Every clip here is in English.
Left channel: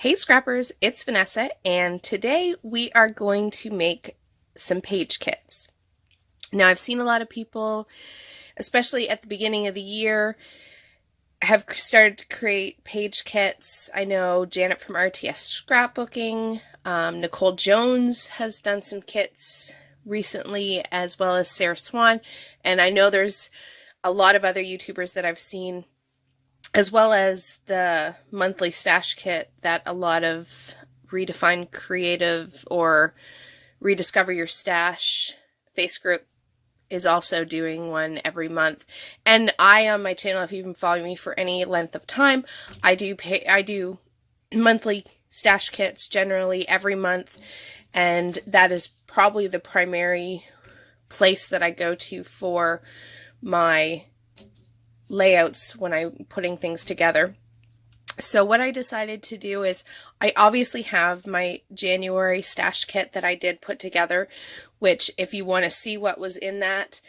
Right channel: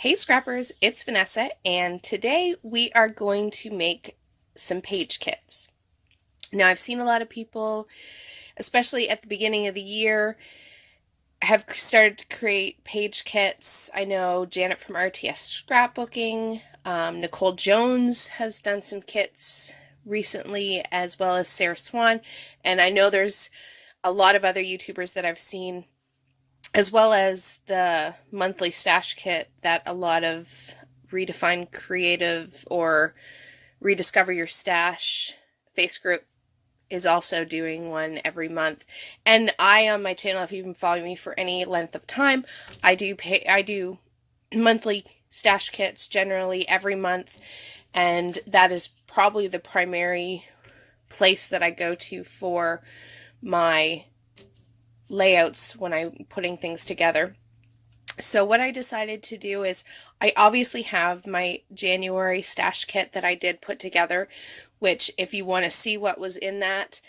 Hey scrappers, it's Vanessa, and today we are going to make some page kits. Now, I've seen a lot of people, especially at the beginning of the year, have started to create page kits. I know Janet from RTS Scrapbooking, Nicole Jones has done some kits recently, as well as Sarah Swan, and I know there's a lot of other YouTubers that I've seen, as well as the monthly stash kit that a lot of Redefine Creative or Rediscover Your Stash face group is also doing one every month. And I, on my channel, if you've been following me for any length of time, I do monthly stash kits generally every month, and that is probably the primary place that I go to for my layouts when I'm putting things together. So what I decided to do is I obviously have my January stash kit that I did put together, which if you want to see what was in that,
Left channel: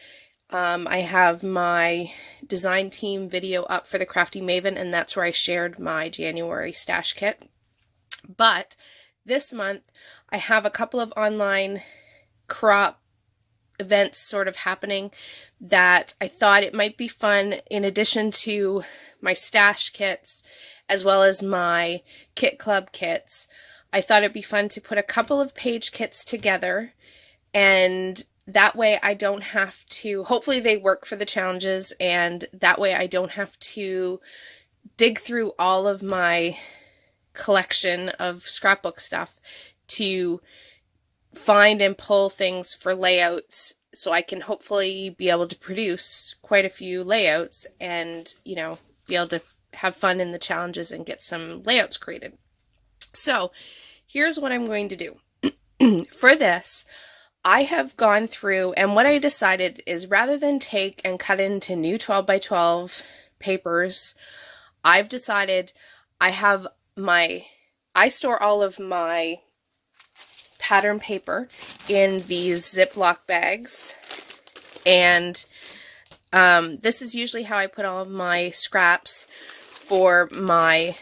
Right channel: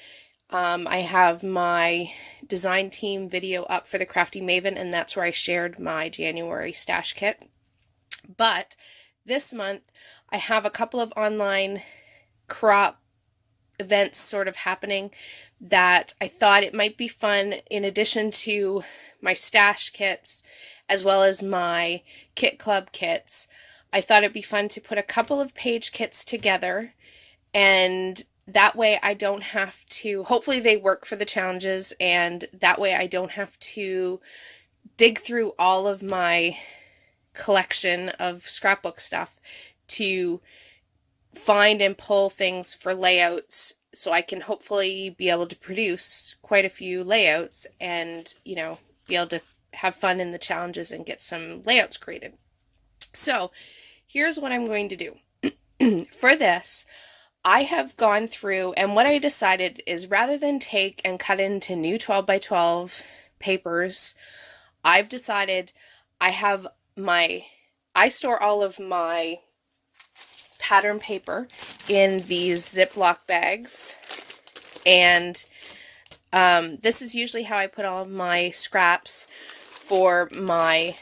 I have my design team video up for the Crafty Maven, and that's where I shared my January stash kit. But this month I have a couple of online crop events sort of happening that I thought it might be fun, in addition to my stash kits as well as my kit club kits. I thought it'd be fun to put a couple of page kits together, and that way I don't have to, hopefully they work for the challenges, and that way I don't have to dig through all of my collection of scrapbook stuff to find and pull things for layouts, so I can hopefully be able to produce quite a few layouts and, be able to have fun in the challenges and get some layouts created. So here's what I'm going to do. For this, I have gone through, and what I decided is, rather than take and cut into new 12 by 12 papers, I've decided I store all of my pattern paper in these Ziploc bags, and this is usually how I put all of my scraps for my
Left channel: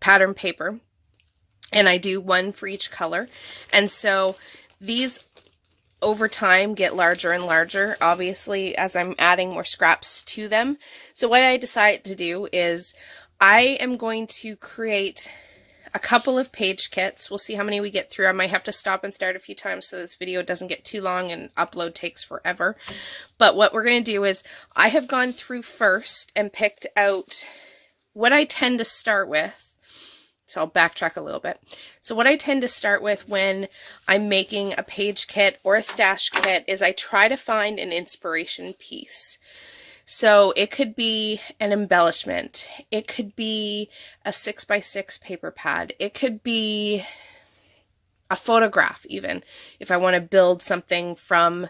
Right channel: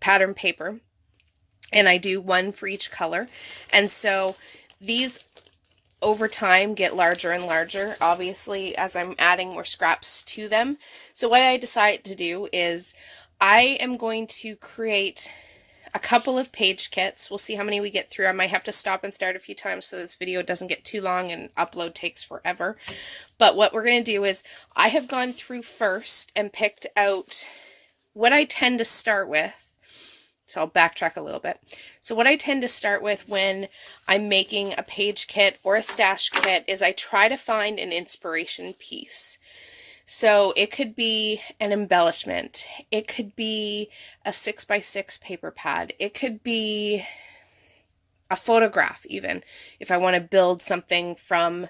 pattern paper, and I do one for each color. And so these over time get larger and larger, obviously, as I'm adding more scraps to them. So what I decided to do is I am going to create a couple of page kits. We'll see how many we get through. I might have to stop and start a few times so this video doesn't get too long and upload takes forever. But what we're going to do is I have gone through first and picked out what I tend to start with. So I'll backtrack a little bit. So what I tend to start with when I'm making a page kit or a stash kit is I try to find an inspiration piece. So it could be an embellishment, it could be a 6x6 paper pad, it could be a photograph, even if I want to build something from,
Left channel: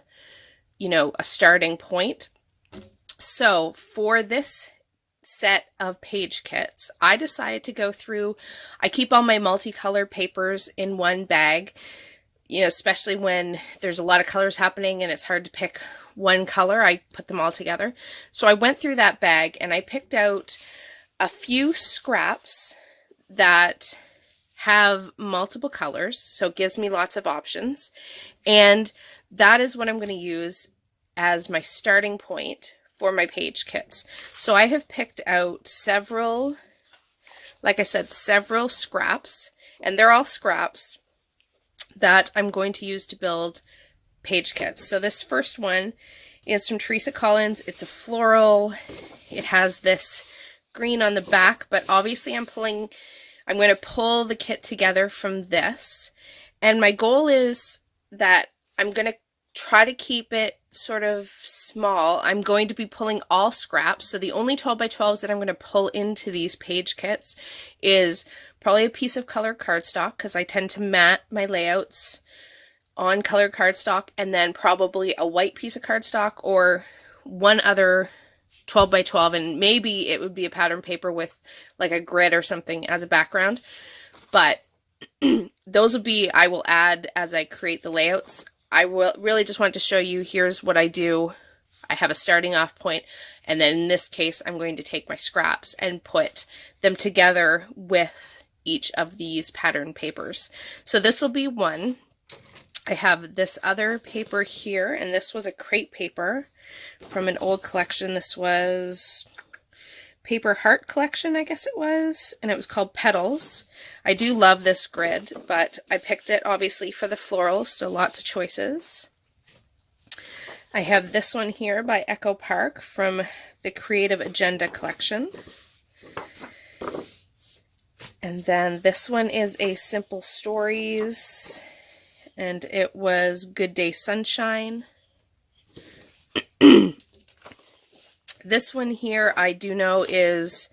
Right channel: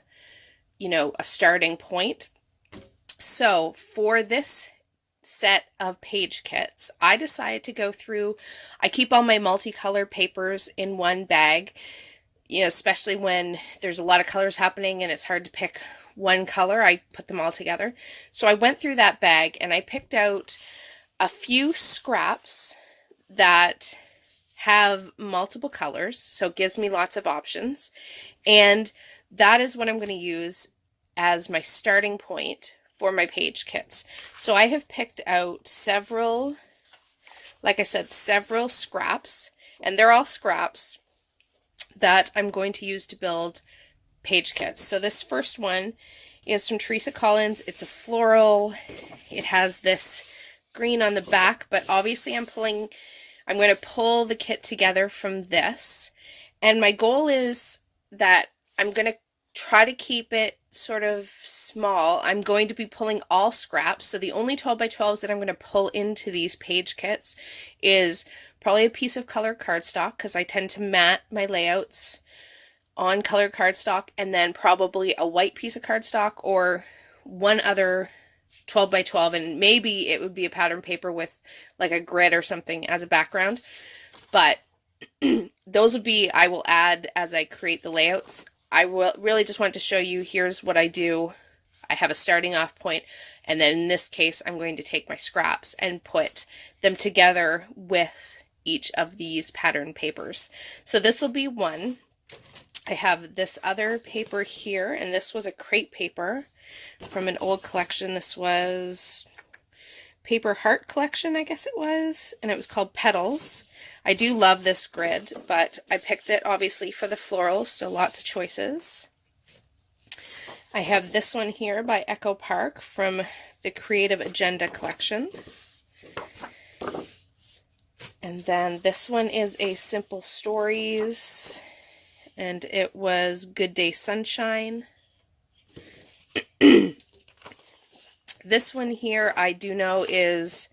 a starting point. So for this set of page kits, I decided to go through, I keep all my multicolor papers in one bag, especially when there's a lot of colors happening and it's hard to pick one color. I put them all together. So I went through that bag and I picked out a few scraps that have multiple colors, so it gives me lots of options, and that is what I'm going to use as my starting point for my page kits. So I have picked out several, like I said, several scraps, and they're all scraps that I'm going to use to build page kits. So this first one is from Teresa Collins. It's a floral. It has this green on the back, but obviously I'm going to pull the kit together from this. And my goal is that I'm going to try to keep it sort of small. I'm going to be pulling all scraps. So the only 12 by 12s that I'm going to pull into these page kits is probably a piece of colored cardstock, because I tend to mat my layouts on colored cardstock, and then probably a white piece of cardstock or one other 12 by 12, and maybe it would be a pattern paper with like a grid or something as a background. But those will be, I will add as I create the layouts. I will really just wanted to show you, here's what I do. I have a starting off point, and then in this case I'm going to take my scraps and put them together with each of these pattern papers. So this will be one. I have this other paper here, and this was a crepe paper from an old collection. This was Paper Heart collection, I guess it was, and it was called Petals. I do love this grid, but I picked it obviously for the florals, so lots of choices. I have this one here by Echo Park from the Creative Agenda collection. And then this one is a Simple Stories, and it was Good Day Sunshine. This one here I do know is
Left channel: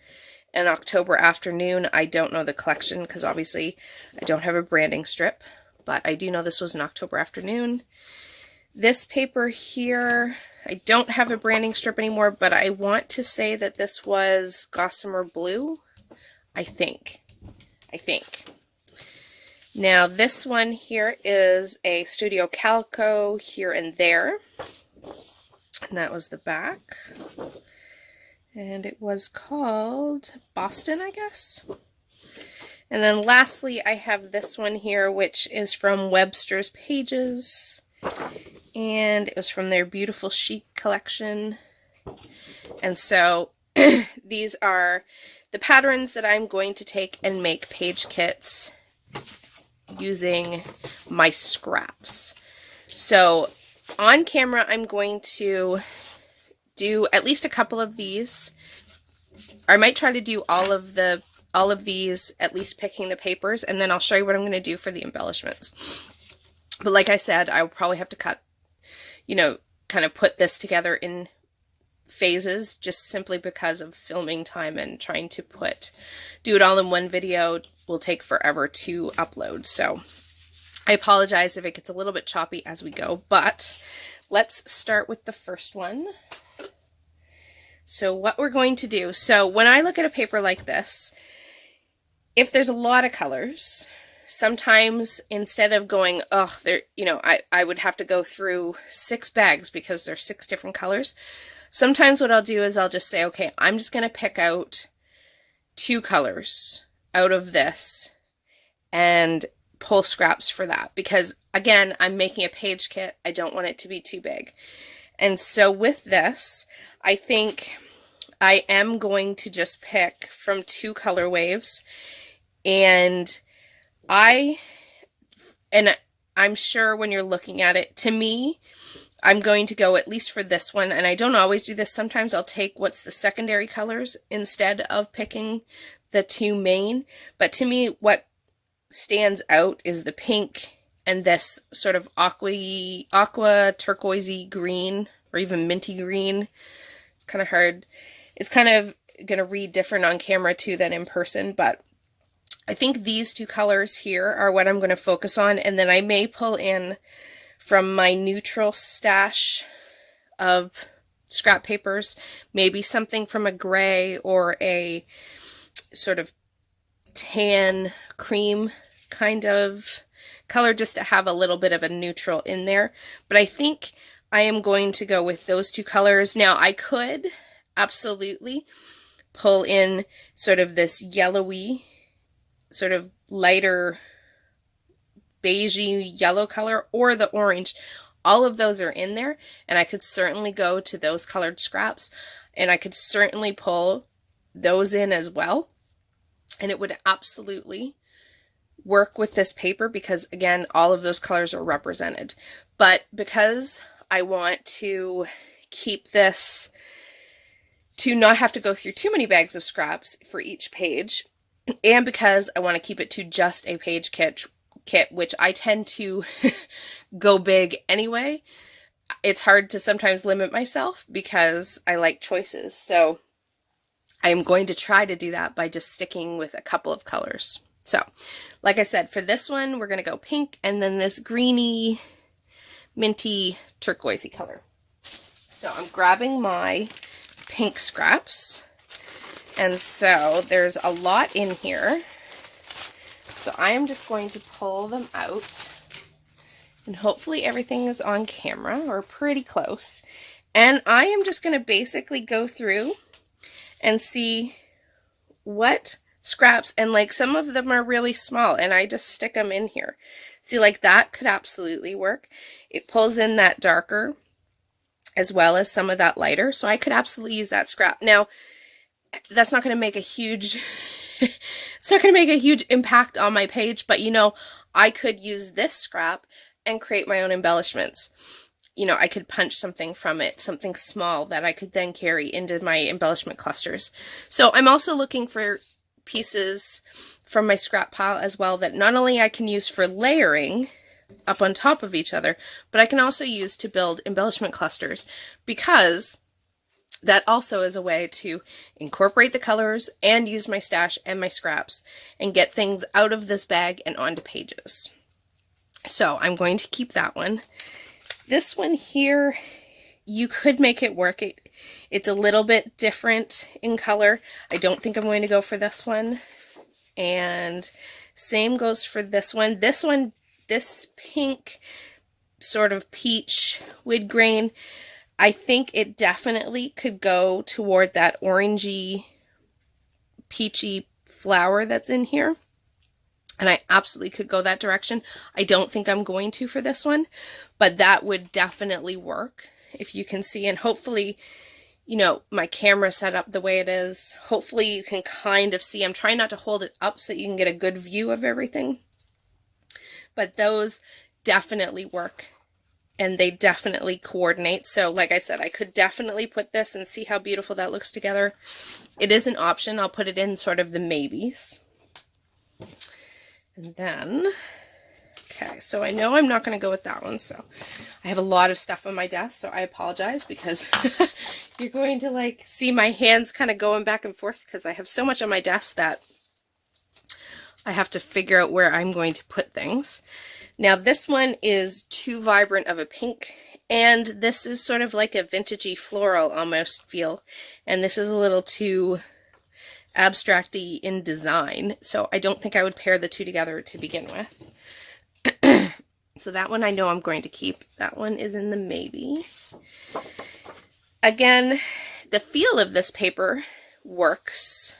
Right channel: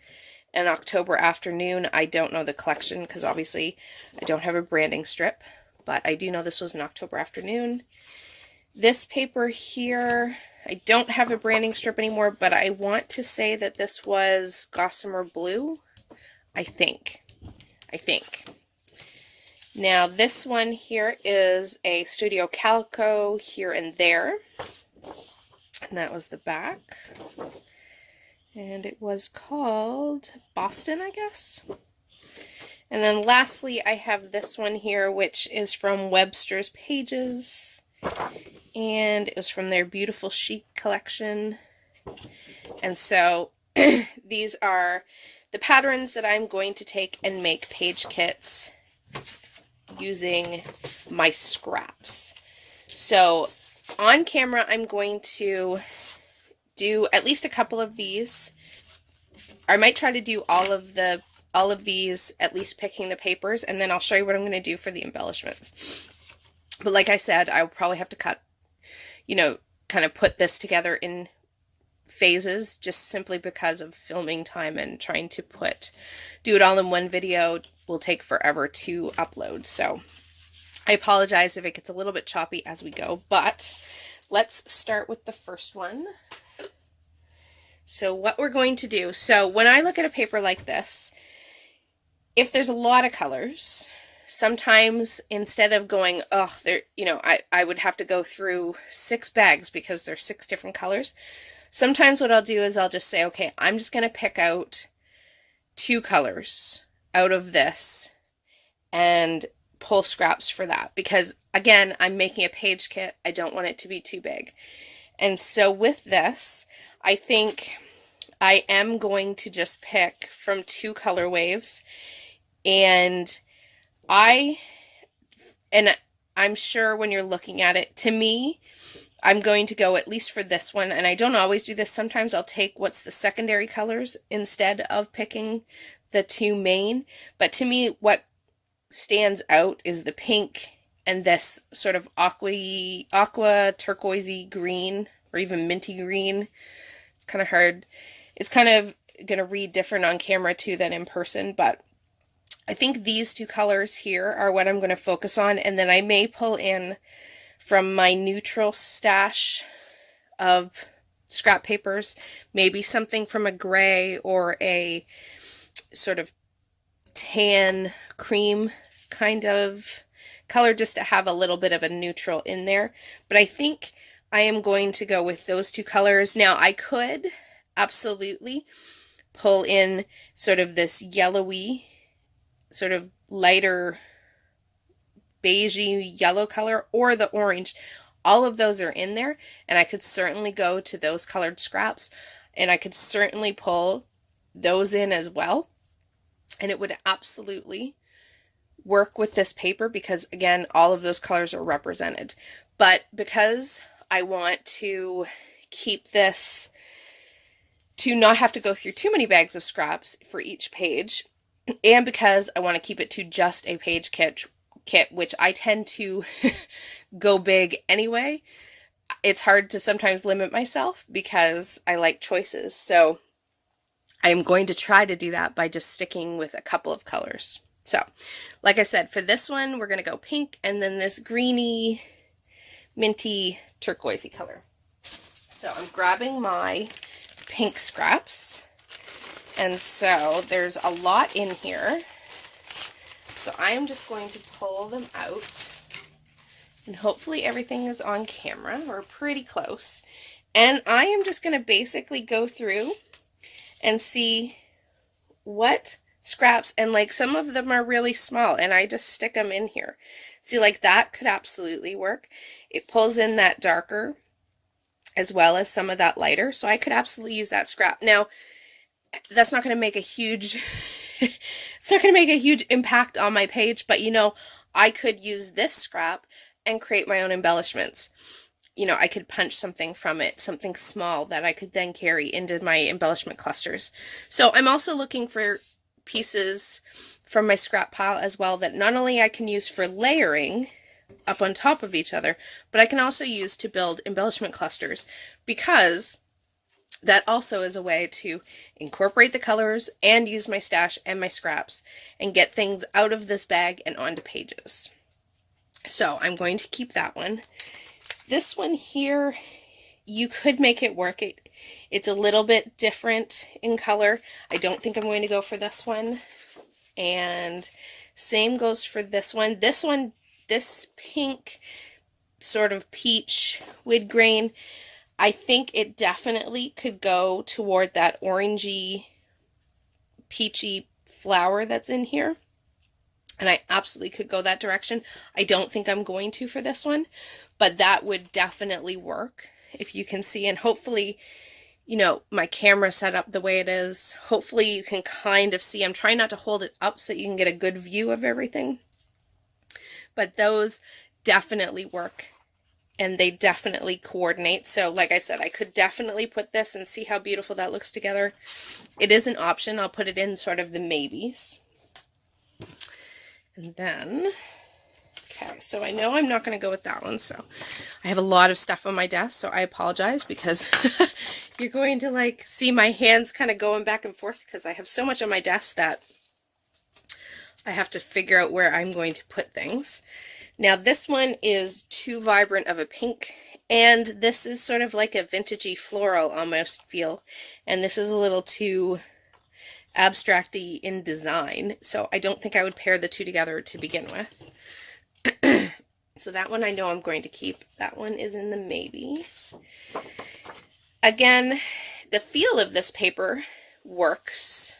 an October Afternoon. I don't know the collection because obviously I don't have a branding strip, but I do know this was an October Afternoon. This paper here, I don't have a branding strip anymore, but I want to say that this was Gossamer Blue, I think. Now this one here is a Studio Calico Here and There. And that was the back. And it was called Boston, I guess. And then lastly, I have this one here, which is from Webster's Pages. And it was from their Beautiful Chic collection. And so these are the patterns that I'm going to take and make page kits using my scraps. So on camera, I'm going to do at least a couple of these. I might try to do all of these, at least picking the papers, and then I'll show you what I'm going to do for the embellishments. But like I said, I'll probably have to cut, kind of put this together in phases, just simply because of filming time and trying to do it all in one video will take forever to upload. So I apologize if it gets a little bit choppy as we go, but let's start with the first one. So what we're going to do, so when I look at a paper like this, if there's a lot of colors, sometimes instead of going, I would have to go through 6 bags because there's 6 different colors. Sometimes what I'll do is I'll just say, okay, I'm just going to pick out 2 colors out of this and pull scraps for that. Because again, I'm making a page kit. I don't want it to be too big. And so with this, I think I am going to just pick from 2 color waves, and I'm sure when you're looking at it, to me, I'm going to go, at least for this one, and I don't always do this, sometimes I'll take what's the secondary colors instead of picking the 2 main, but to me, what stands out is the pink and this sort of aqua turquoisey green, or even minty green. It's kind of hard. It's kind of going to read different on camera too than in person, but I think these 2 colors here are what I'm going to focus on, and then I may pull in from my neutral stash of scrap papers, maybe something from a gray or a sort of tan cream kind of color, just to have a little bit of a neutral in there. But I think I am going to go with those 2 colors. Now I could absolutely pull in sort of this yellowy, sort of lighter beigey yellow color, or the orange. All of those are in there, and I could certainly go to those colored scraps, and I could certainly pull those in as well, and it would absolutely work with this paper because, again, all of those colors are represented. But because I want to keep this to not have to go through too many bags of scraps for each page, and because I want to keep it to just a page kit, which I tend to go big anyway, it's hard to sometimes limit myself because I like choices. So I'm going to try to do that by just sticking with a couple of colors. So like I said, for this one, we're going to go pink and then this greeny, minty, turquoisey color. So I'm grabbing my pink scraps. And so there's a lot in here. So I am just going to pull them out. And hopefully everything is on camera, or pretty close. And I am just going to basically go through and see what scraps, and like some of them are really small and I just stick them in here. See, like that could absolutely work. It pulls in that darker as well as some of that lighter, so I could absolutely use that scrap. Now, that's not going to make a huge it's not going to make a huge impact on my page, but you know, I could use this scrap and create my own embellishments. You know, I could punch something from it, something small that I could then carry into my embellishment clusters. So I'm also looking for pieces from my scrap pile as well that not only I can use for layering up on top of each other, but I can also use to build embellishment clusters, because that also is a way to incorporate the colors and use my stash and my scraps and get things out of this bag and onto pages. So I'm going to keep that one. This one here, you could make it work. It's a little bit different in color. I don't think I'm going to go for this one. And same goes for this one. This pink sort of peach wood grain, I think it definitely could go toward that orangey, peachy flower that's in here. And I absolutely could go that direction. I don't think I'm going to for this one, but that would definitely work, if you can see. And hopefully, you know, my camera set up the way it is, hopefully you can kind of see. I'm trying not to hold it up so you can get a good view of everything. But those definitely work. And they definitely coordinate. So like I said, I could definitely put this and see how beautiful that looks together. It is an option. I'll put it in sort of the maybes. And then, okay, so I know I'm not going to go with that one. So I have a lot of stuff on my desk, so I apologize, because you're going to like see my hands kind of going back and forth because I have so much on my desk that I have to figure out where I'm going to put things. Now this one is too vibrant of a pink, and this is sort of like a vintagey floral almost feel, and this is a little too abstract-y in design, so I don't think I would pair the two together to begin with. So that one I know I'm going to keep. That one is in the maybe. Again, the feel of this paper works,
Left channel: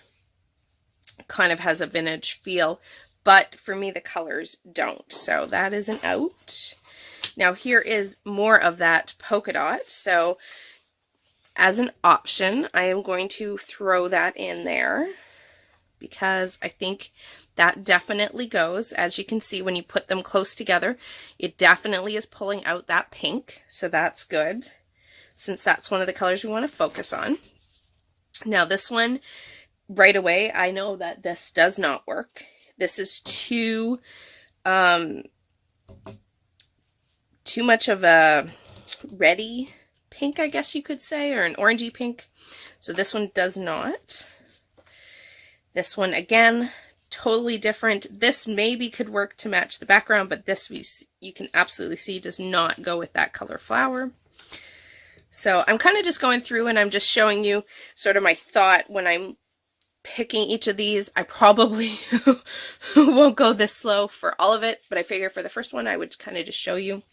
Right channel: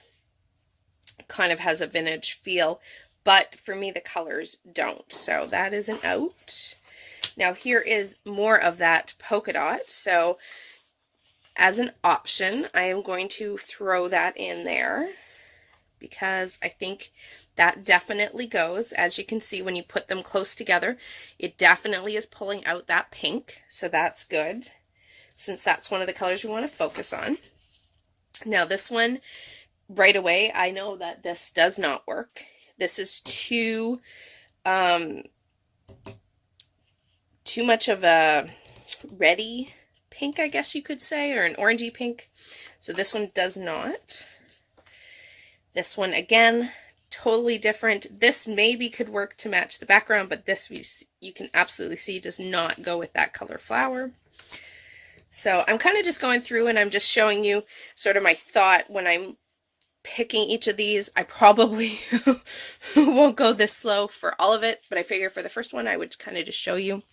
kind of has a vintage feel, but for me the colors don't, so that is an out. Now here is more of that polka dot, so as an option I am going to throw that in there, because I think that definitely goes. As you can see, when you put them close together, it definitely is pulling out that pink, so that's good, since that's one of the colors we want to focus on. Now this one, right away, I know that this does not work. This is too much of a reddy pink, I guess you could say, or an orangey pink. So this one does not. This one, again, totally different. This maybe could work to match the background, but this, you can absolutely see, does not go with that color flower. So I'm kind of just going through and I'm just showing you sort of my thought when I'm picking each of these. I probably won't go this slow for all of it, but I figure for the first one I would kind of just show you.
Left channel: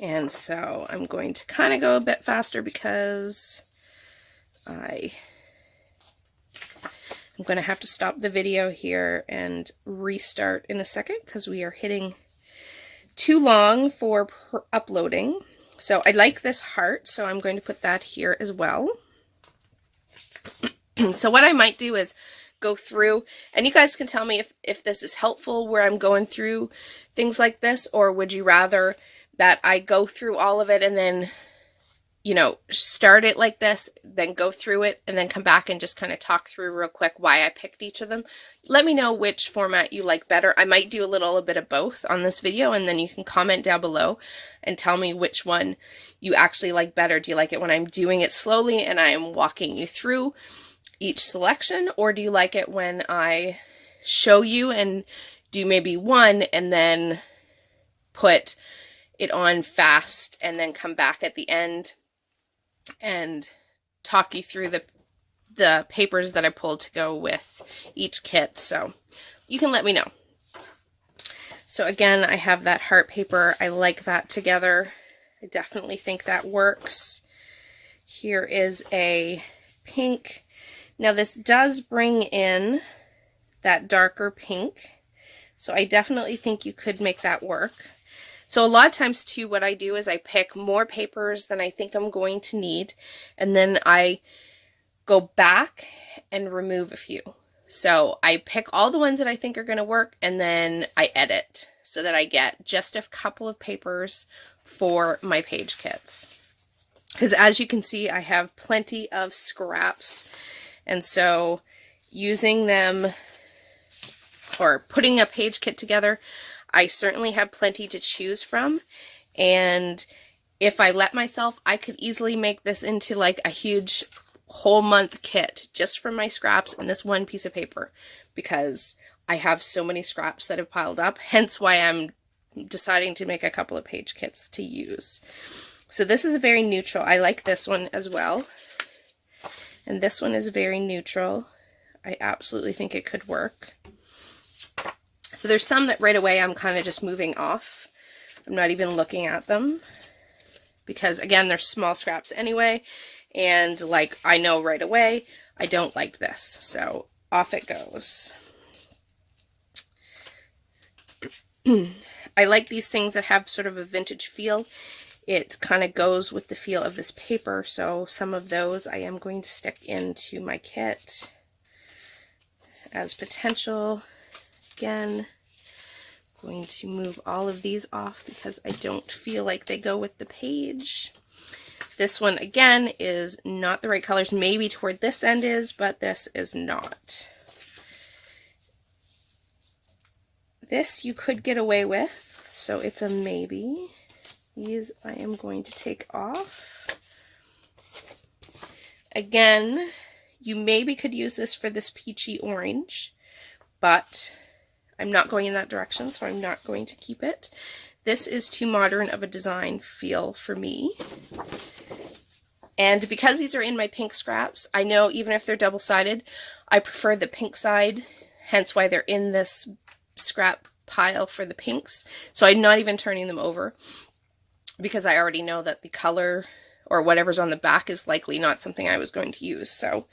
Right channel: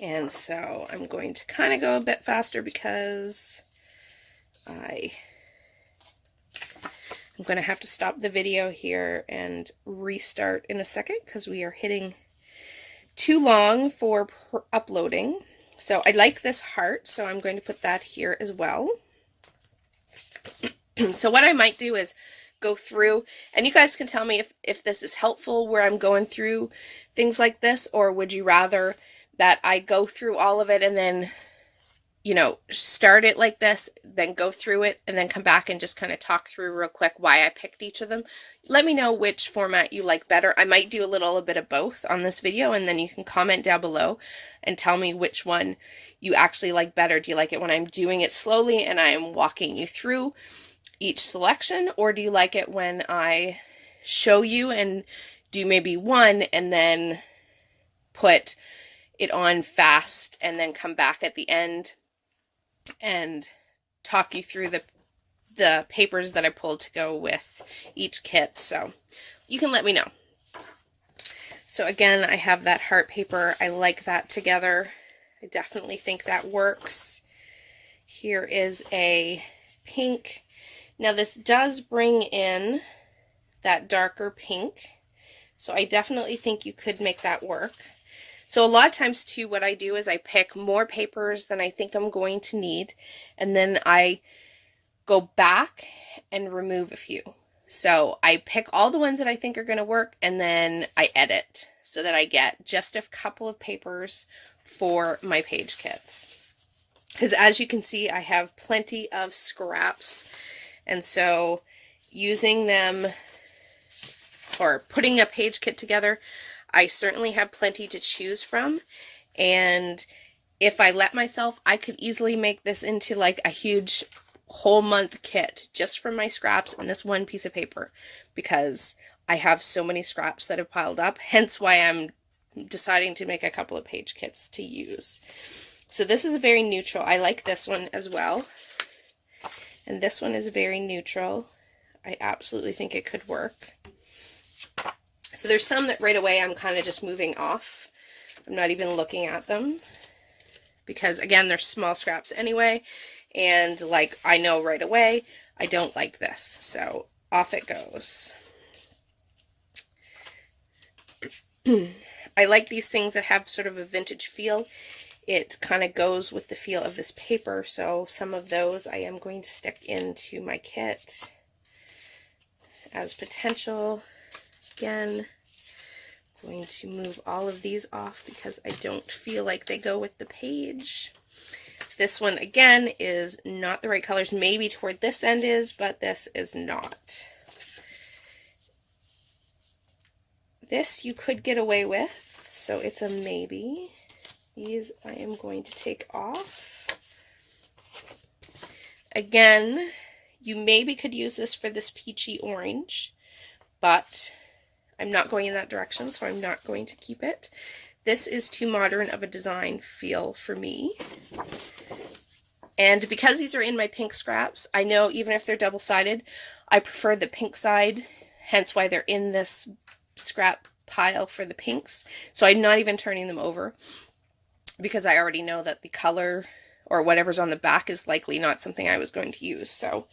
And so I'm going to kind of go a bit faster because I'm going to have to stop the video here and restart in a second because we are hitting too long for uploading. So I like this heart, so I'm going to put that here as well. So what I might do is go through, and you guys can tell me if this is helpful where I'm going through things like this, or would you rather that I go through all of it and then, you know, start it like this, then go through it, and then come back and just kind of talk through real quick why I picked each of them. Let me know which format you like better. I might do a little bit of both on this video, and then you can comment down below and tell me which one you actually like better. Do you like it when I'm doing it slowly and I am walking you through each selection, or do you like it when I show you and do maybe one and then put it on fast and then come back at the end and talk you through the papers that I pulled to go with each kit? So you can let me know. So again, I have that heart paper. I like that together. I definitely think that works. Here is a pink. Now this does bring in that darker pink, so I definitely think you could make that work. So a lot of times too, what I do is I pick more papers than I think I'm going to need, and then I go back and remove a few. So I pick all the ones that I think are going to work, and then I edit so that I get just a couple of papers for my page kits. Because as you can see, I have plenty of scraps, and so using them or putting a page kit together, I certainly have plenty to choose from. And if I let myself, I could easily make this into like a huge whole month kit just for my scraps and this one piece of paper, because I have so many scraps that have piled up, hence why I'm deciding to make a couple of page kits to use. So this is a very neutral. I like this one as well. And this one is very neutral. I absolutely think it could work. So there's some that right away I'm kind of just moving off. I'm not even looking at them because, again, they're small scraps anyway. And like I know right away, I don't like this. So off it goes. I like these things that have sort of a vintage feel. It kind of goes with the feel of this paper. So some of those I am going to stick into my kit as potential. Again, I'm going to move all of these off because I don't feel like they go with the page. This one, again, is not the right colors. Maybe toward this end is, but this is not. This you could get away with, so it's a maybe. These I am going to take off. Again, you maybe could use this for this peachy orange, but I'm not going in that direction, so I'm not going to keep it. This is too modern of a design feel for me. And because these are in my pink scraps, I know even if they're double-sided, I prefer the pink side, hence why they're in this scrap pile for the pinks. So I'm not even turning them over because I already know that the color or whatever's on the back is likely not something I was going to use. So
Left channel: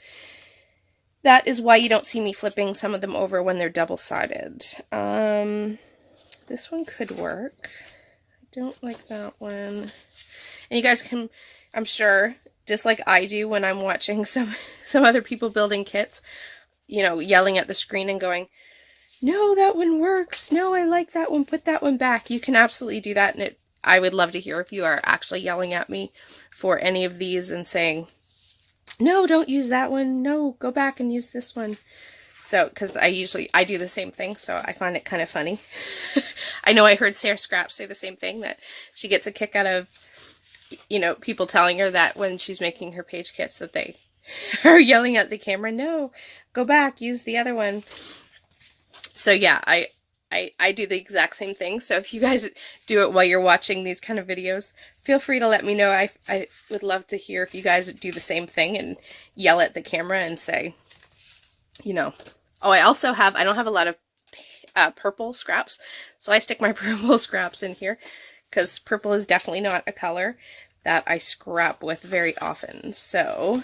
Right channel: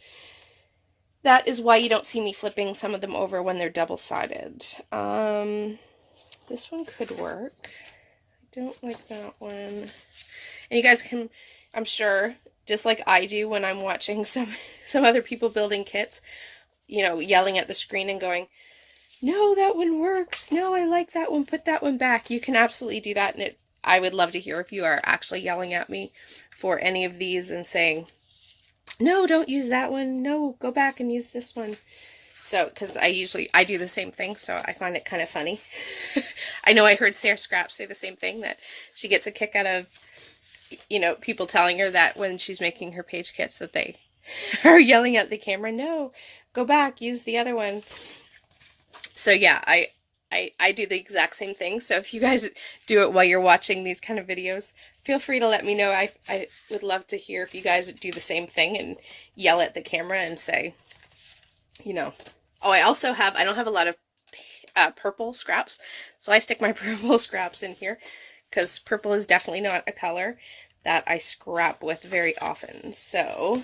that is why you don't see me flipping some of them over when they're double-sided. This one could work. I don't like that one. And you guys can, I'm sure, just like I do when I'm watching some other people building kits, you know, yelling at the screen and going, no, that one works. No, I like that one. Put that one back. You can absolutely do that. And I would love to hear if you are actually yelling at me for any of these and saying, no, don't use that one. No, go back and use this one. So, because I do the same thing, so I find it kind of funny. I know I heard Sarah Scraps say the same thing, that she gets a kick out of, you know, people telling her that when she's making her page kits that they are yelling at the camera, no, go back, use the other one. So yeah, I do the exact same thing. So if you guys do it while you're watching these kind of videos, feel free to let me know. I would love to hear if you guys do the same thing and yell at the camera and say, you know. Oh, I also have, I don't have a lot of purple scraps, so I stick my purple scraps in here because purple is definitely not a color that I scrap with very often. So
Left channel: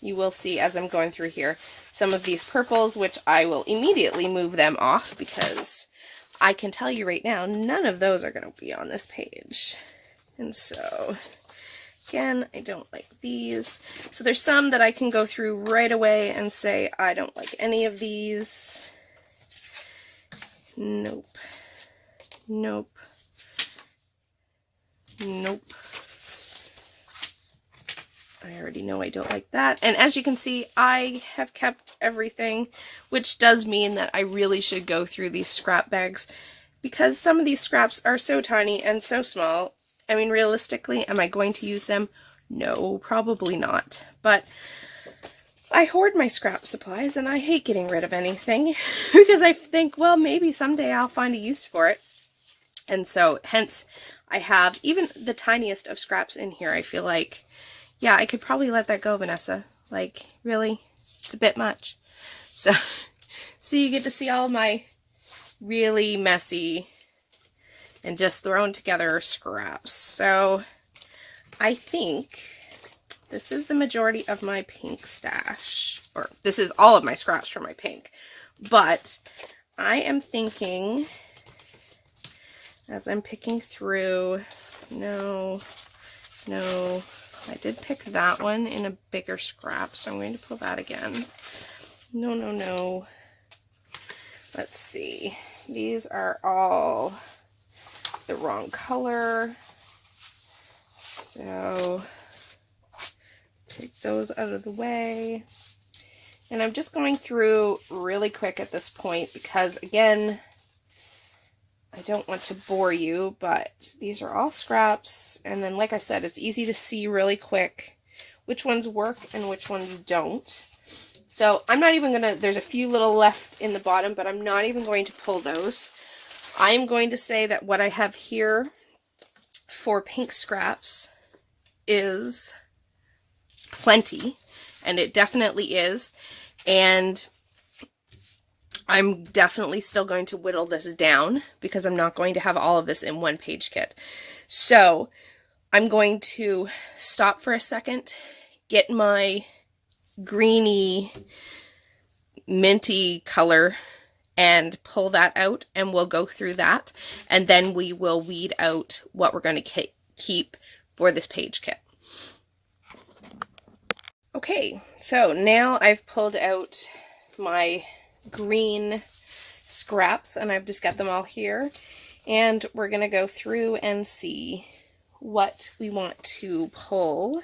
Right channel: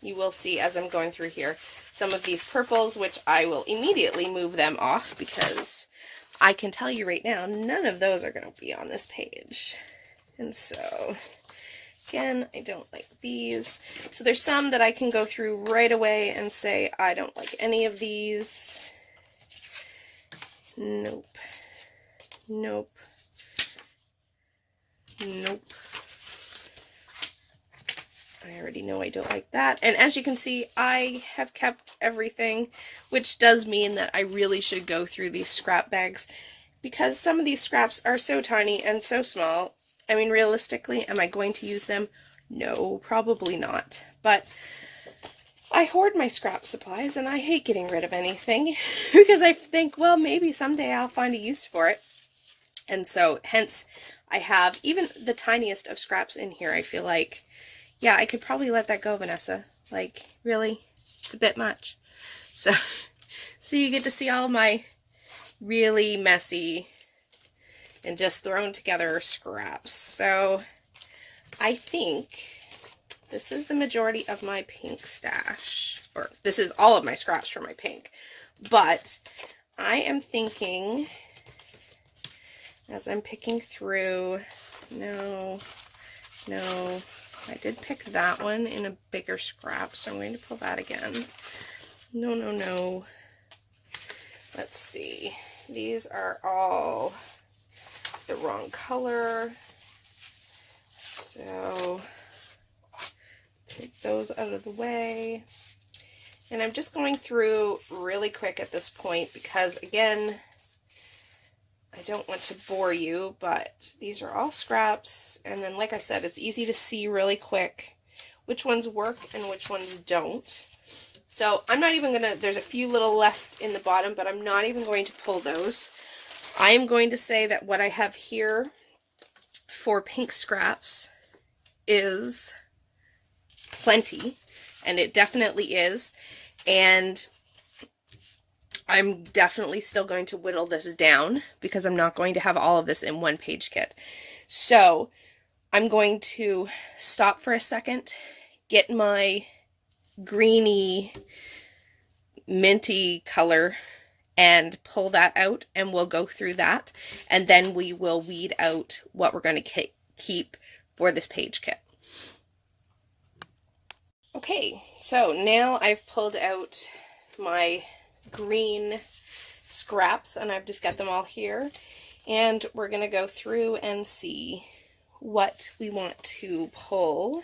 you will see as I'm going through here some of these purples, which I will immediately move them off because I can tell you right now, none of those are going to be on this page. And so, again, I don't like these. So there's some that I can go through right away and say, I don't like any of these. Nope. Nope. Nope. I already know I don't like that. And as you can see, I have kept everything, which does mean that I really should go through these scrap bags because some of these scraps are so tiny and so small. I mean, realistically, am I going to use them? No, probably not. But I hoard my scrap supplies and I hate getting rid of anything because I think, well, maybe someday I'll find a use for it. And so, hence, I have even the tiniest of scraps in here. I feel like, yeah, I could probably let that go, Vanessa. Like, really? It's a bit much. So you get to see all my really messy and just thrown together scraps. So I think this is the majority of my pink stash. or this is all of my scraps for my pink. But I am thinking, as I'm picking through, no, I did pick that one in a bigger scrap, so I'm going to pull that again. No. Let's see. These are all the wrong color. So take those out of the way. And I'm just going through really quick at this point because, again, I don't want to bore you, but these are all scraps. And then, like I said, it's easy to see really quick which ones work and which ones don't. So I'm not even going to, there's a few little left in the bottom, but I'm not even going to pull those. I am going to say that what I have here for pink scraps is plenty, and it definitely is. And I'm definitely still going to whittle this down because I'm not going to have all of this in one page kit. So I'm going to stop for a second, get my greeny, minty color and pull that out, and we'll go through that. And then we will weed out what we're going to keep for this page kit. Okay, so now I've pulled out my green scraps and I've just got them all here, and we're going to go through and see what we want to pull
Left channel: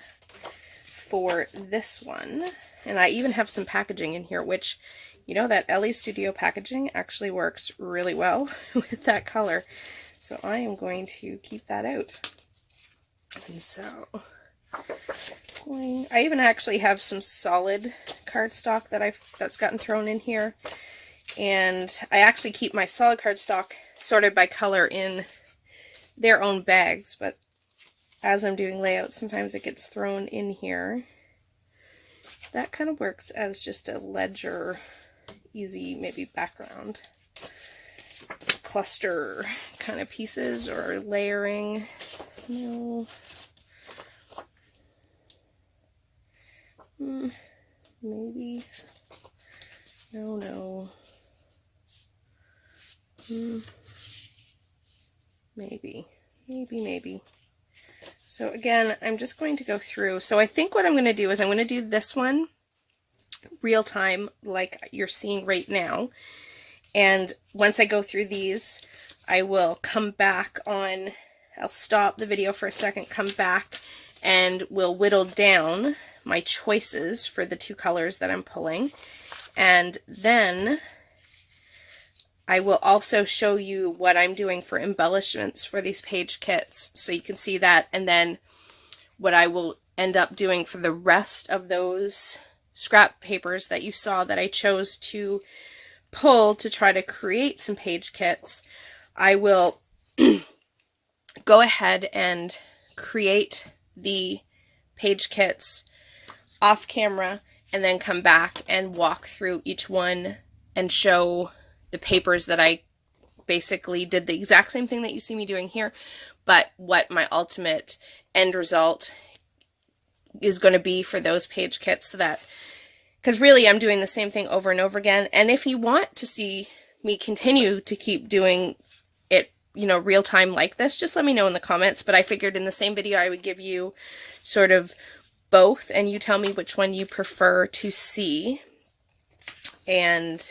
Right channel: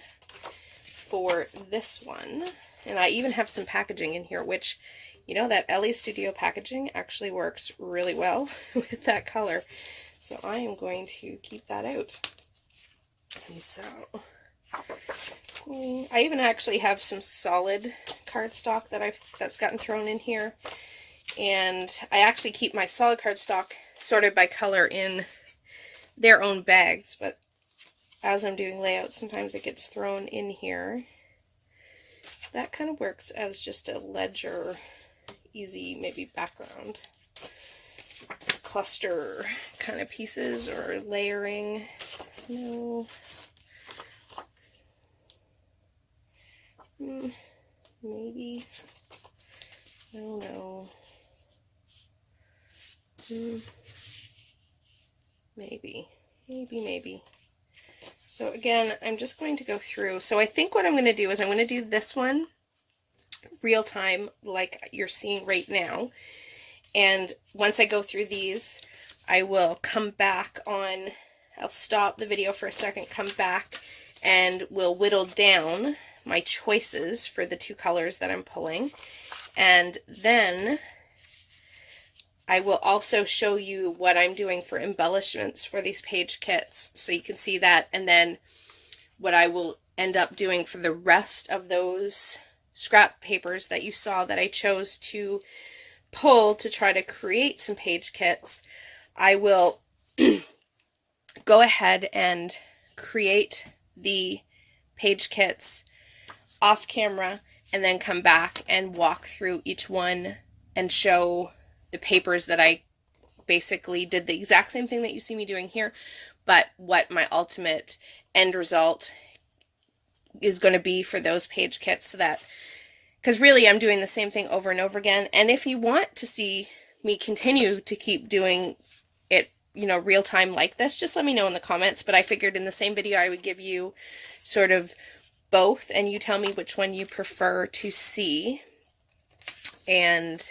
for this one. And I even have some packaging in here, which, you know, that LA Studio packaging actually works really well with that color. So I am going to keep that out. And so I even actually have some solid cardstock that's gotten thrown in here. And I actually keep my solid cardstock sorted by color in their own bags, but as I'm doing layouts, sometimes it gets thrown in here. That kind of works as just a ledger, easy maybe background cluster kind of pieces or layering. No. Maybe. No. Maybe. So again, I'm just going to go through. So I think what I'm going to do is I'm going to do this one real time like you're seeing right now. And once I go through these, I will come back on, I'll stop the video for a second, come back, and we'll whittle down my choices for the two colors that I'm pulling. And then I will also show you what I'm doing for embellishments for these page kits, so you can see that, and then what I will end up doing for the rest of those scrap papers that you saw that I chose to pull to try to create some page kits. I will go ahead and create the page kits off camera and then come back and walk through each one and show the papers that I basically did the exact same thing that you see me doing here, but what my ultimate end result is going to be for those page kits, so that, because really I'm doing the same thing over and over again. And if you want to see me continue to keep doing it, you know, real time like this, just let me know in the comments. But I figured in the same video I would give you sort of both, and you tell me which one you prefer to see. And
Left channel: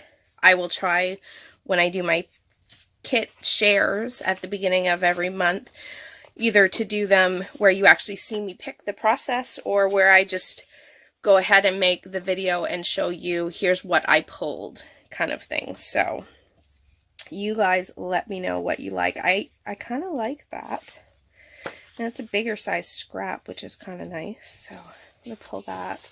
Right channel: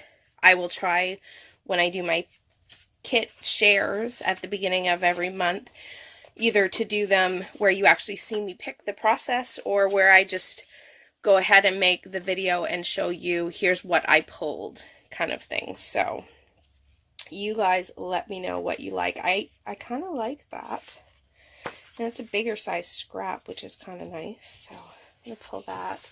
I will try, when I do my kit shares at the beginning of every month, either to do them where you actually see me pick the process, or where I just go ahead and make the video and show you, here's what I pulled, kind of thing. So you guys let me know what you like. I kind of like that. And it's a bigger size scrap, which is kind of nice. So I'm going to pull that.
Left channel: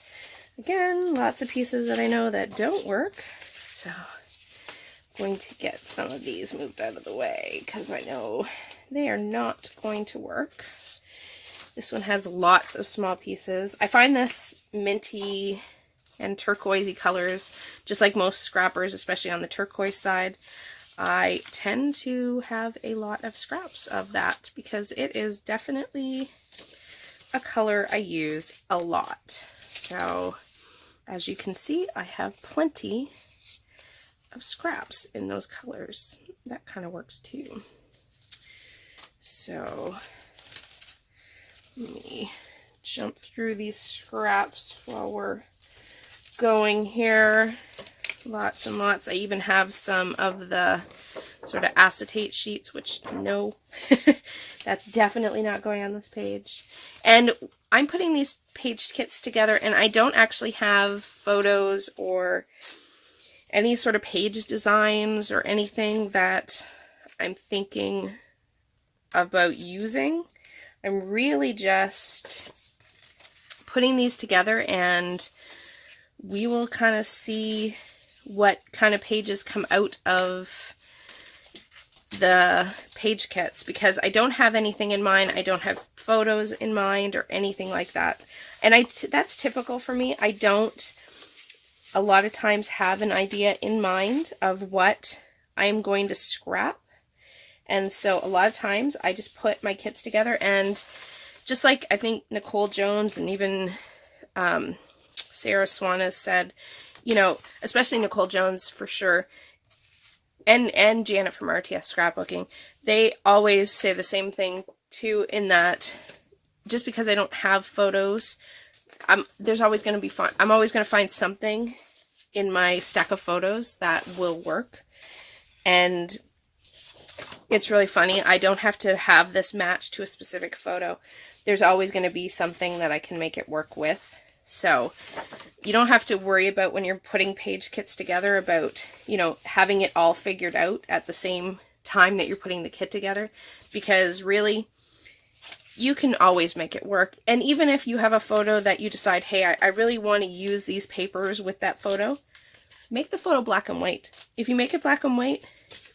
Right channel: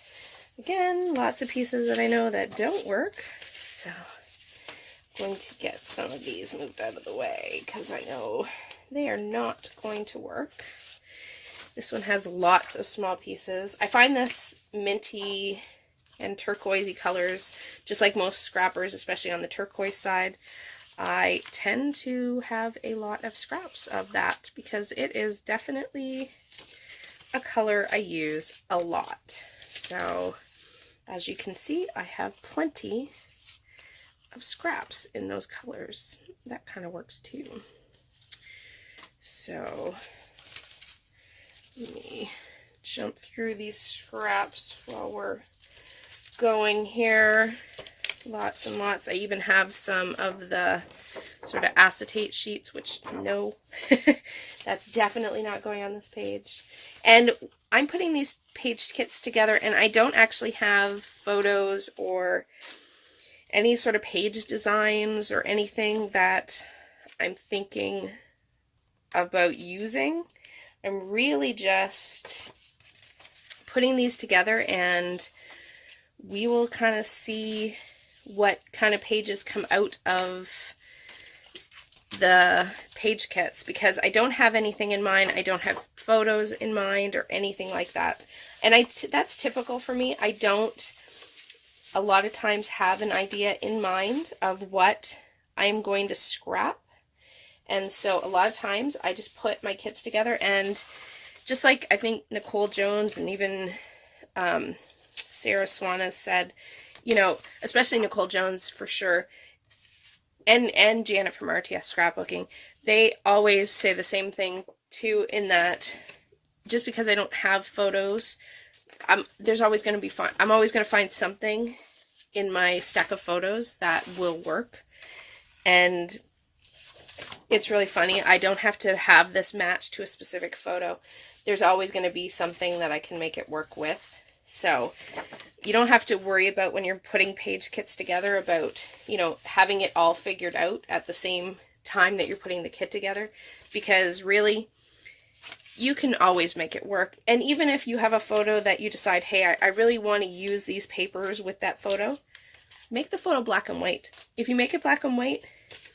Again, lots of pieces that I know that don't work. So I'm going to get some of these moved out of the way because I know they are not going to work. This one has lots of small pieces. I find this minty and turquoisey colors, just like most scrappers, especially on the turquoise side, I tend to have a lot of scraps of that because it is definitely a color I use a lot. So As you can see, I have plenty of scraps in those colors. That kind of works too. So let me jump through these scraps while we're going here. Lots and lots. I even have some of the sort of acetate sheets, which no, that's definitely not going on this page. And I'm putting these page kits together, and I don't actually have photos or any sort of page designs or anything that I'm thinking about using. I'm really just putting these together, and we will kind of see what kind of pages come out of the page kits, because I don't have anything in mind. I don't have photos in mind or anything like that. And that's typical for me. I don't a lot of times have an idea in mind of what I'm going to scrap. And so a lot of times I just put my kits together, and just like I think Nicole Jones and even Sarah Swan has said, you know, especially Nicole Jones for sure, and Janet from RTS Scrapbooking, they always say the same thing too, in that just because I don't have photos, there's always going to be fun. I'm always going to find something in my stack of photos that will work. And it's really funny. I don't have to have this match to a specific photo. There's always going to be something that I can make it work with. So you don't have to worry about, when you're putting page kits together, about, you know, having it all figured out at the same time that you're putting the kit together, because really you can always make it work. And even if you have a photo that you decide, hey, I really want to use these papers with that photo, make the photo black and white. If you make it black and white,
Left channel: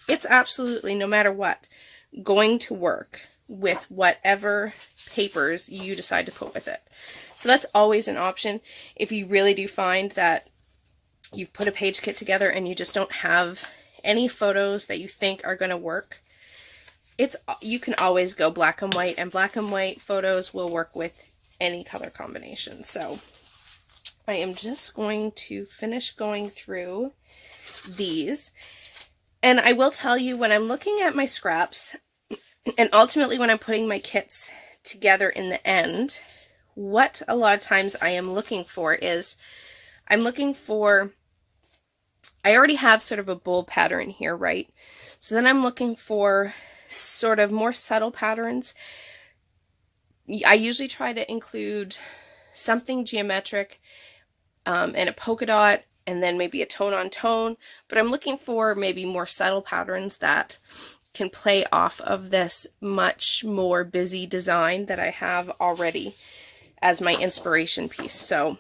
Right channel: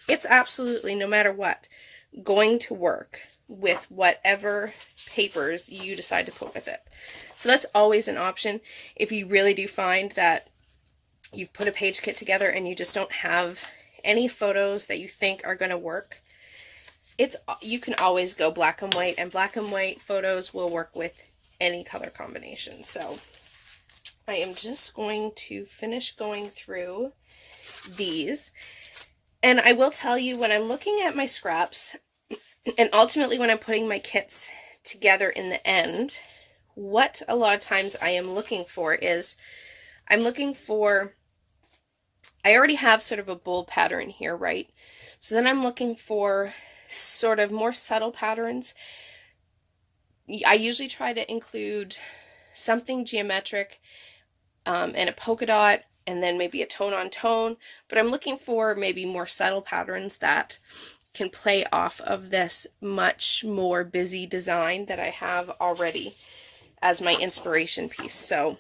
it's absolutely, no matter what, going to work with whatever papers you decide to put with it. So that's always an option. If you really do find that you've put a page kit together and you just don't have any photos that you think are going to work, you can always go black and white, and black and white photos will work with any color combination. So I am just going to finish going through these. And I will tell you, when I'm looking at my scraps, and ultimately when I'm putting my kits together in the end, what a lot of times I am looking for is, I already have sort of a bold pattern here, right? So then I'm looking for sort of more subtle patterns. I usually try to include something geometric and a polka dot, and then maybe a tone on tone, but I'm looking for maybe more subtle patterns that can play off of this much more busy design that I have already as my inspiration piece. So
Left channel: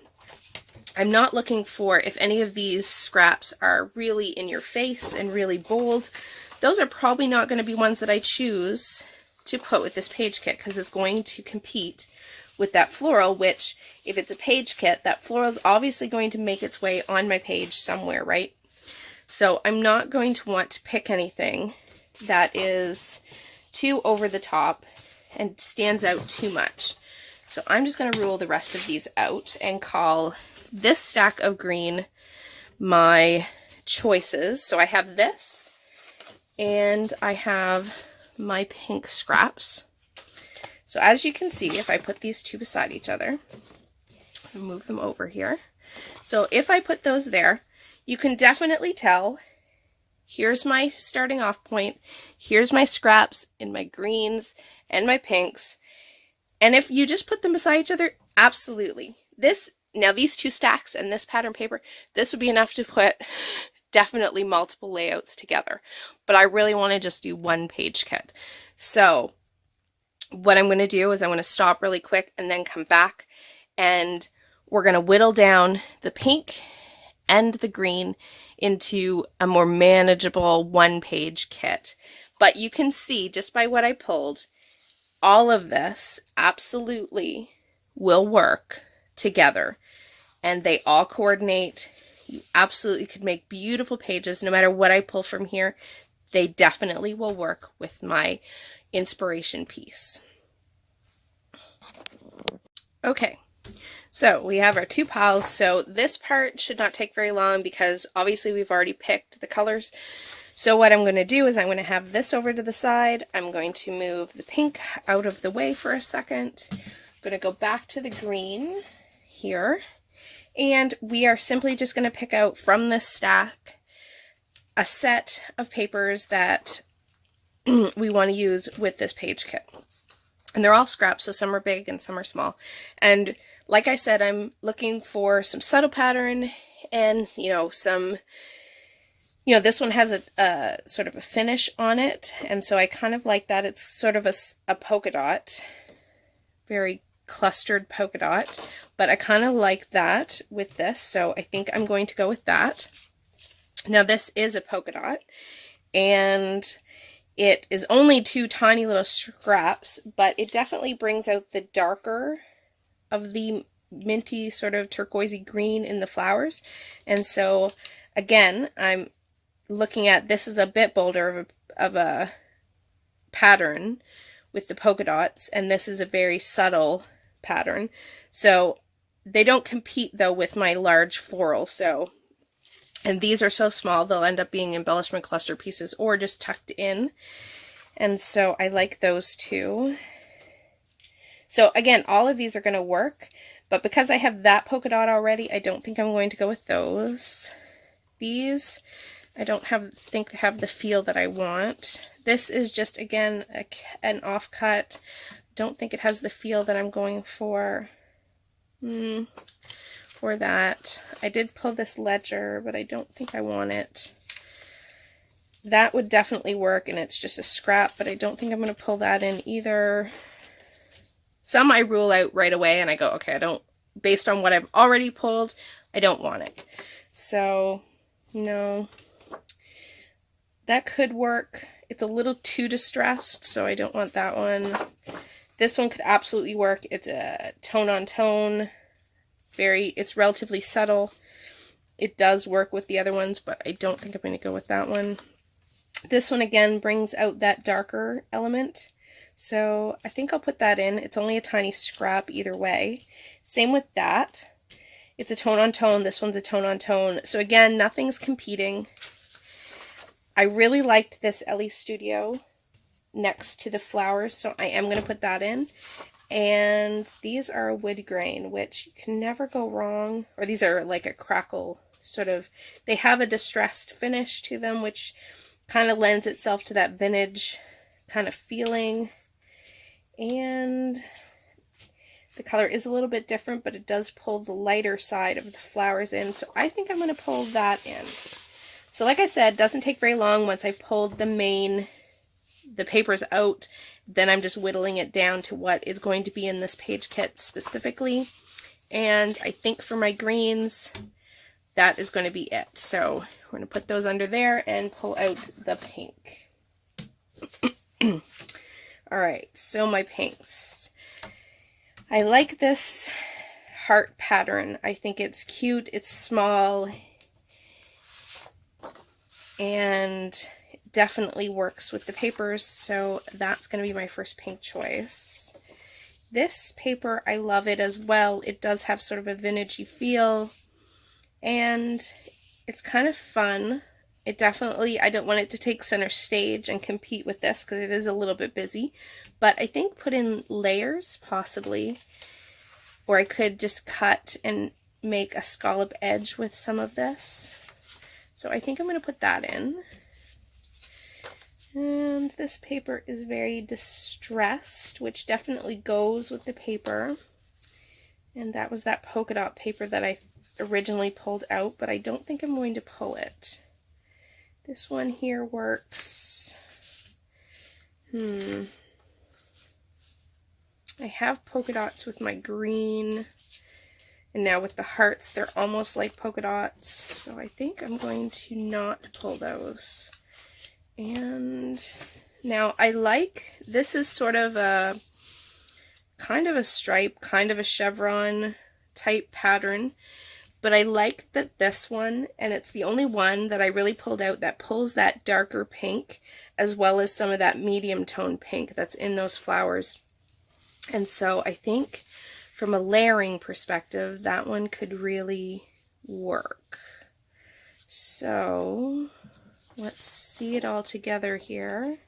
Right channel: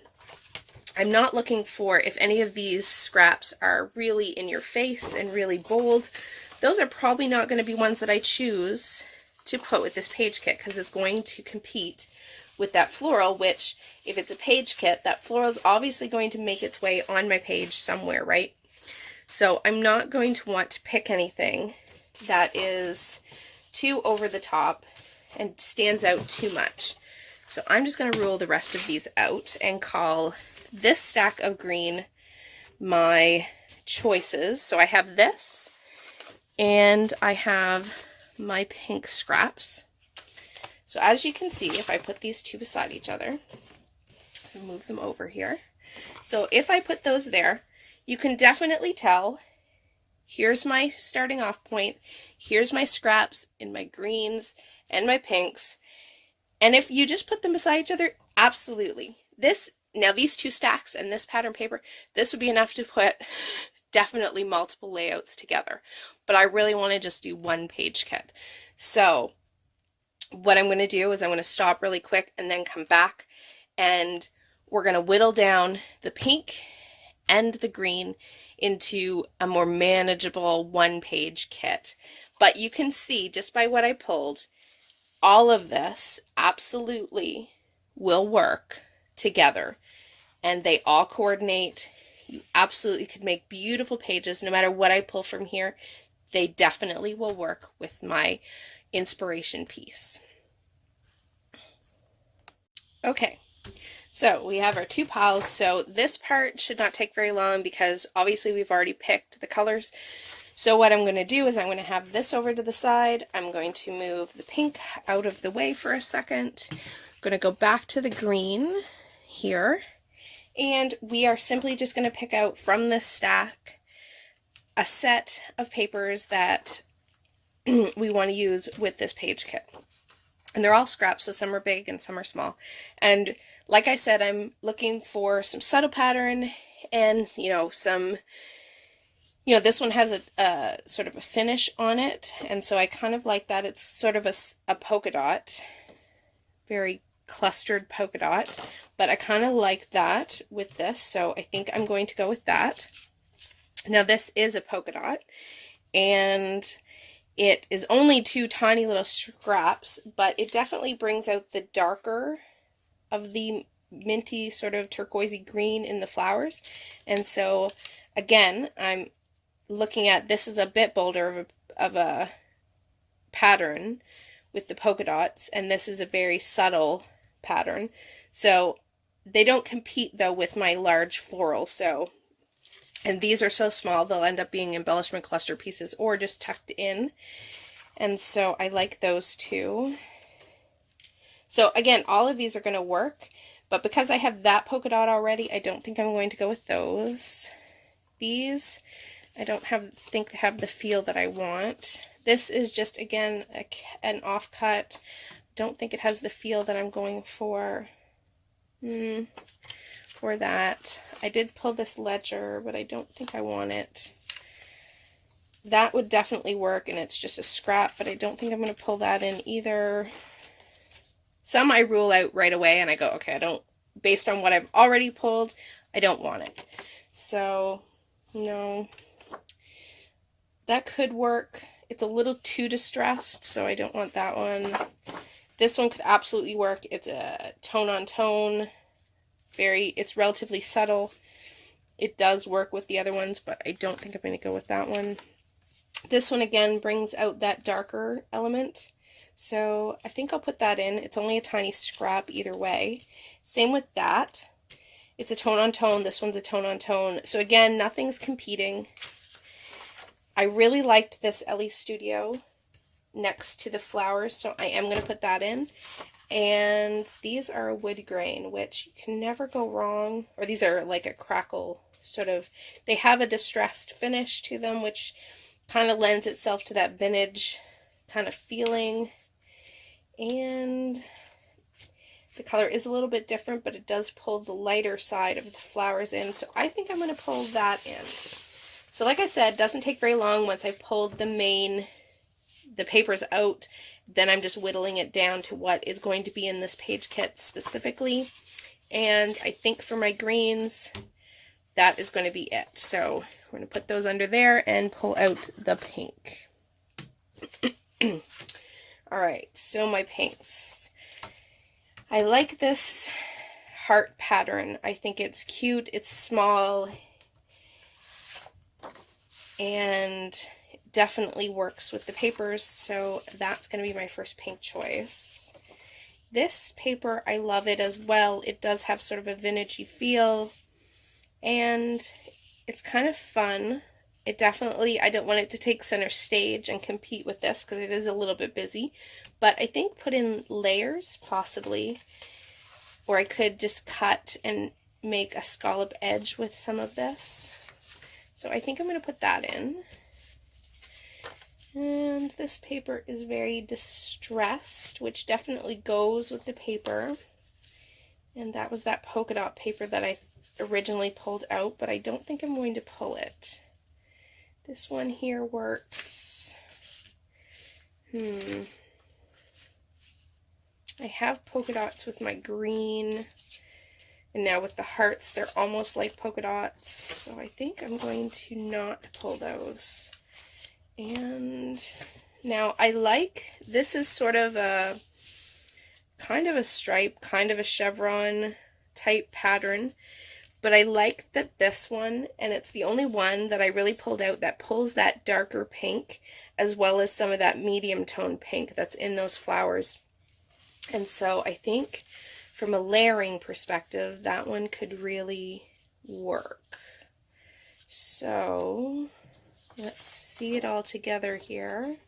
I'm not looking for, if any of these scraps are really in your face and really bold, those are probably not going to be ones that I choose to put with this page kit, because it's going to compete with that floral, which, if it's a page kit, that floral is obviously going to make its way on my page somewhere, right? So I'm not going to want to pick anything that is too over the top and stands out too much. So I'm just going to rule the rest of these out and call this stack of green my choices. So I have this, and I have my pink scraps. So as you can see, if I put these two beside each other, move them over here. So if I put those there, you can definitely tell, here's my starting off point, here's my scraps in my greens and my pinks. And if you just put them beside each other, absolutely. Now these two stacks and this pattern paper, this would be enough to put definitely multiple layouts together. But I really want to just do one page kit. So what I'm going to do is I'm going to stop really quick and then come back, and we're going to whittle down the pink and the green into a more manageable one-page kit. But you can see, just by what I pulled, all of this absolutely will work together, and they all coordinate. You absolutely could make beautiful pages no matter what I pull from here. They definitely will work with my inspiration piece. Okay, So we have our two piles. So this part should not take very long because obviously we've already picked the colors. So what I'm going to do is I'm going to have this over to the side. I'm going to move the pink out of the way for a second. I'm going to go back to the green here. And we are simply just going to pick out from this stack a set of papers that we want to use with this page kit. And they're all scraps, so some are big and some are small. And like I said, I'm looking for some subtle pattern and, this one has a sort of a finish on it. And so I kind of like that. It's sort of a polka dot, very clustered polka dot. But I kind of like that with this, so I think I'm going to go with that. Now this is a polka dot, and it is only two tiny little scraps, but it definitely brings out the darker of the minty sort of turquoisey green in the flowers. And so again, I'm looking at, this is a bit bolder of a pattern with the polka dots, and this is a very subtle pattern. So they don't compete though with my large floral. So, and these are so small, they'll end up being embellishment cluster pieces or just tucked in. And so I like those two. So again, all of these are going to work, but because I have that polka dot already, I don't think I'm going to go with those. These, I don't think have the feel that I want. This is just, again, an offcut. Don't think it has the feel that I'm going for. For that. I did pull this ledger, but I don't think I want it. That would definitely work, and it's just a scrap, but I don't think I'm going to pull that in either. Some I rule out right away, and I go, okay, based on what I've already pulled, I don't want it. So, no. That could work. It's a little too distressed, so I don't want that one. This one could absolutely work. It's a tone-on-tone. It's relatively subtle. It does work with the other ones, but I don't think I'm going to go with that one. This one, again, brings out that darker element. So I think I'll put that in. It's only a tiny scrap either way. Same with that. It's a tone-on-tone. This one's a tone-on-tone. So again, nothing's competing. I really liked this Ellie Studio next to the flowers, so I am going to put that in. And these are wood grain, which you can never go wrong. Or these are like a crackle sort of. They have a distressed finish to them, which kind of lends itself to that vintage kind of feeling. And the color is a little bit different, but it does pull the lighter side of the flowers in. So I think I'm going to pull that in. So like I said, it doesn't take very long once I pulled the papers out. Then I'm just whittling it down to what is going to be in this page kit specifically. And I think for my greens, that is going to be it. So we're going to put those under there and pull out the pink. Alright, so my pinks. I like this heart pattern. I think it's cute, it's small, and definitely works with the papers, so that's going to be my first pink choice. This paper, I love it as well. It does have sort of a vintagey feel, and it's kind of fun. I don't want it to take center stage and compete with this because it is a little bit busy, but I think put in layers possibly, or I could just cut and make a scallop edge with some of this. So I think I'm going to put that in. And this paper is very distressed, which definitely goes with the paper. And that was that polka dot paper that I originally pulled out, but I don't think I'm going to pull it. This one here works. I have polka dots with my green, and now with the hearts, they're almost like polka dots, so I think I'm going to not pull those. And now this is sort of a kind of a stripe, kind of a chevron type pattern, but I like that this one, and it's the only one that I really pulled out that pulls that darker pink as well as some of that medium tone pink that's in those flowers. And so I think from a layering perspective, that one could really work. So let's see it all together here.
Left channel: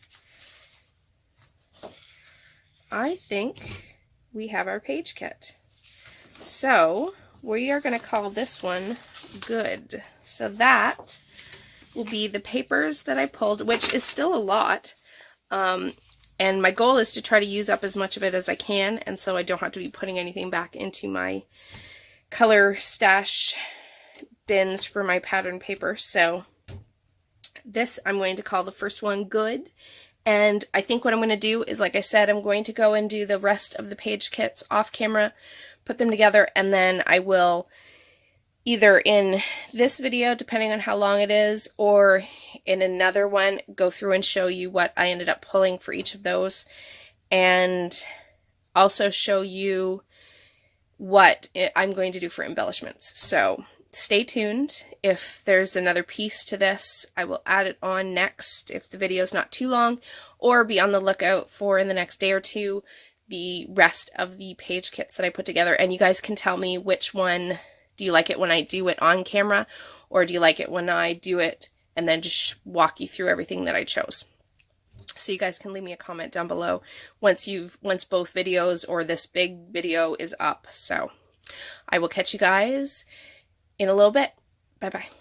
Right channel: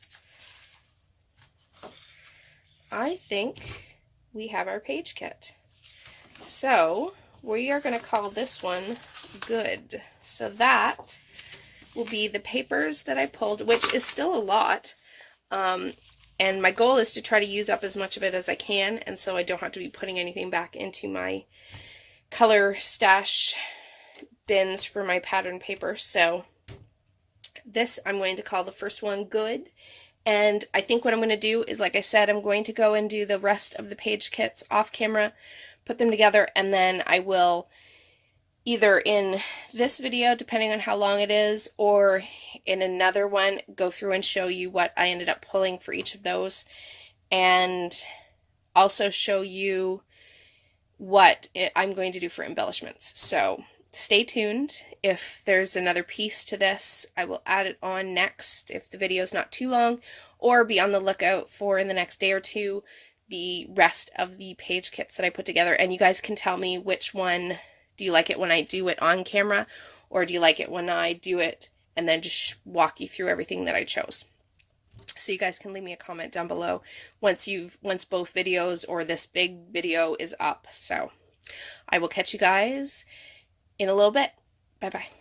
I think we have our page kit. So we are going to call this one Good. So that will be the papers that I pulled, which is still a lot. And my goal is to try to use up as much of it as I can, and so I don't have to be putting anything back into my color stash bins for my pattern paper. So this I'm going to call the first one Good. And I think what I'm going to do is, like I said, I'm going to go and do the rest of the page kits off camera, put them together, and then I will either in this video, depending on how long it is, or in another one, go through and show you what I ended up pulling for each of those, and also show you what I'm going to do for embellishments. So stay tuned. If there's another piece to this, I will add it on next if the video is not too long, or be on the lookout for, in the next day or two, the rest of the page kits that I put together. And you guys can tell me which one. Do you like it when I do it on camera, or do you like it when I do it and then just walk you through everything that I chose? So you guys can leave me a comment down below once both videos or this big video is up. So I will catch you guys in a little bit. Bye bye.